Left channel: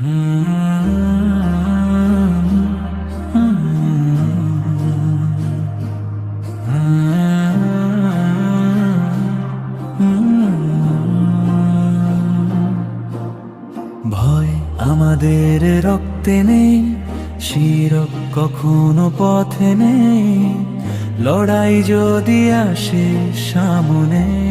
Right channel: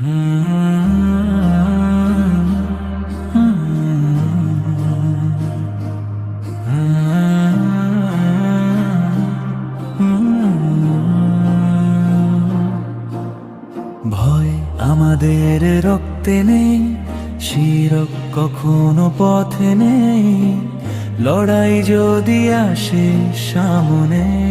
ভয় আমাদের রক্তে নেই শিরক কখনো পথে নেই। লড়াই যদি আসে সামনে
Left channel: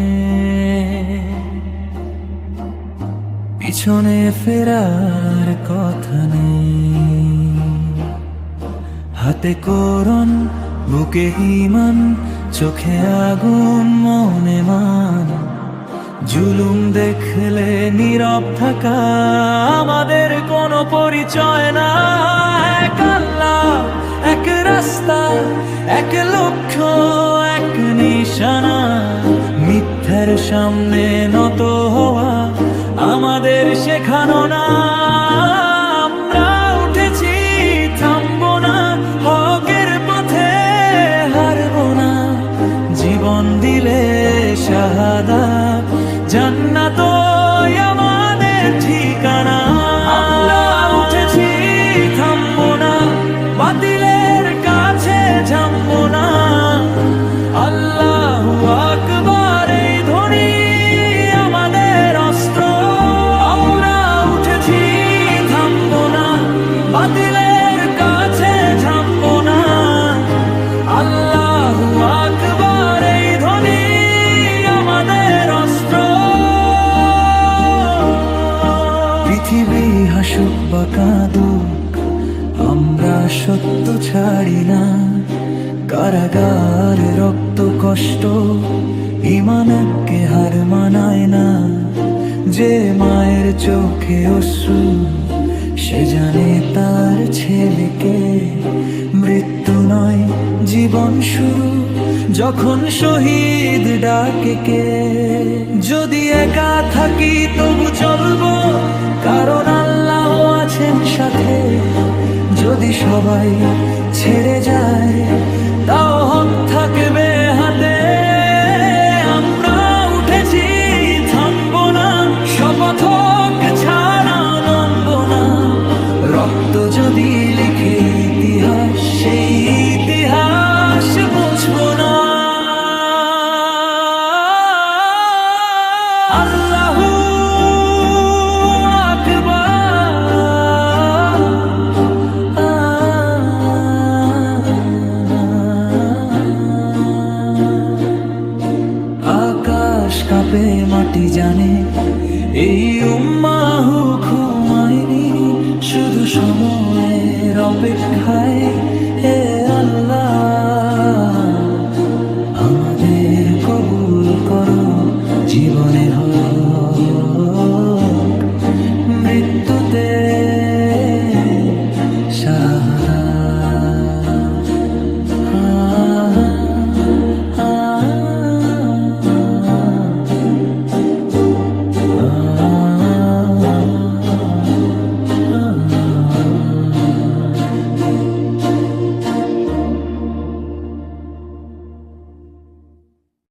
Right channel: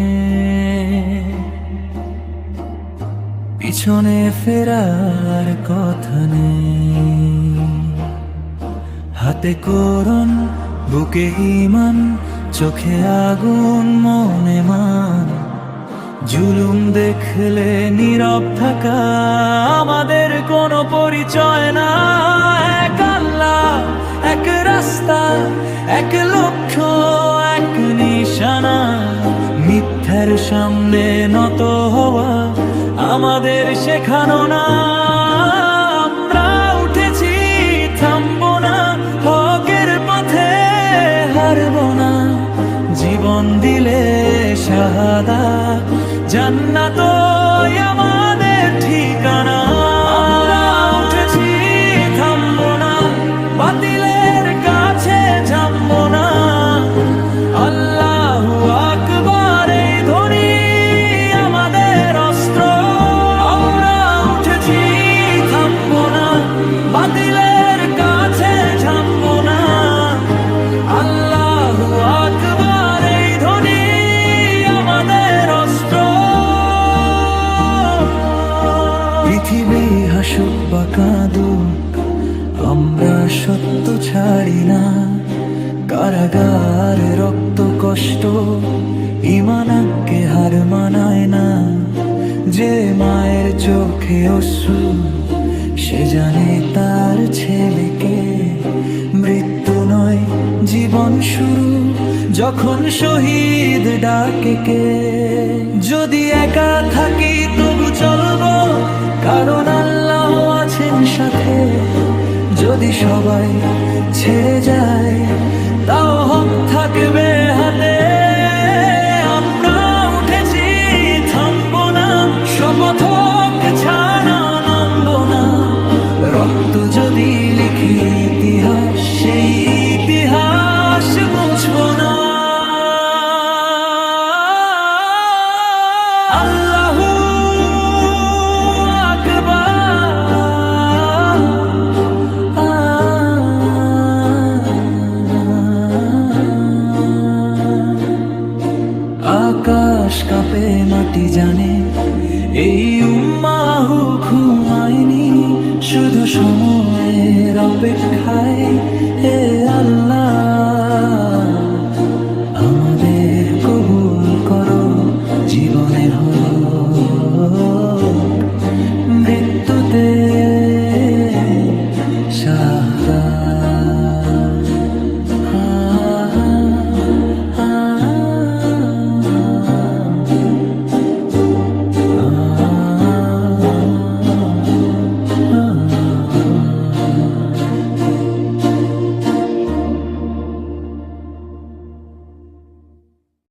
পিছনে ফেরার কথা নেই। হাতে করন বুকে ইমান, চোখে আগুন, মনে মান। জুলুম দেখলে নীরব থাকা আমাদের কোনো পরিচয় না। এক আল্লাহ, এক রাস্তা, এক লক্ষ্য, এক নিশানা। মিথ্যার সামনে নত হওয়া আমাদের শেখানো না, আমরা উঠেছি, থামবো না, হকের পথে হারবো না। জীবন দিলে শাহাদা জান্নাত আমাদের ঠিকানা। উঠেছি থামবো না। বাতিলের কাছে থামবো না। আল্লাহু আকবার, এই ধ্বনি আমাদের অস্ত্র। পৃথিবী হাসুক বা কাঁদুক, আমরা সত্য ছাড়ি না। কারাগার রক্ত কষ্ট ইমানাকে হার মানায় না। যে মায়ের চোখে অসু সে জানে তার ছেলেকে। মৃত্যু নয়, জীবন শুরু, যখন শহীদ ডাকে কে। যদি একা থাকি তবু চলবো, কারণ আল্লাহ আছেন সাথে। যদি সবাই ছেড়ে যায়, তাও হক থাকবে হাতে। শপথ হোক ছাড়া নামবো না রক্ত যদি লিখে ইতিহাস, সেই ইতিহাস মুছবো না। আল্লাহু আকবার। আকাশ কাঁপে, মাটি জানে এই উম্মাহু ঘুমায়নি শুধু সময়ের অপেক্ষায়। হে আল্লাহ আমাদের কবুল করো জীবনে হোক মৃত্যুতে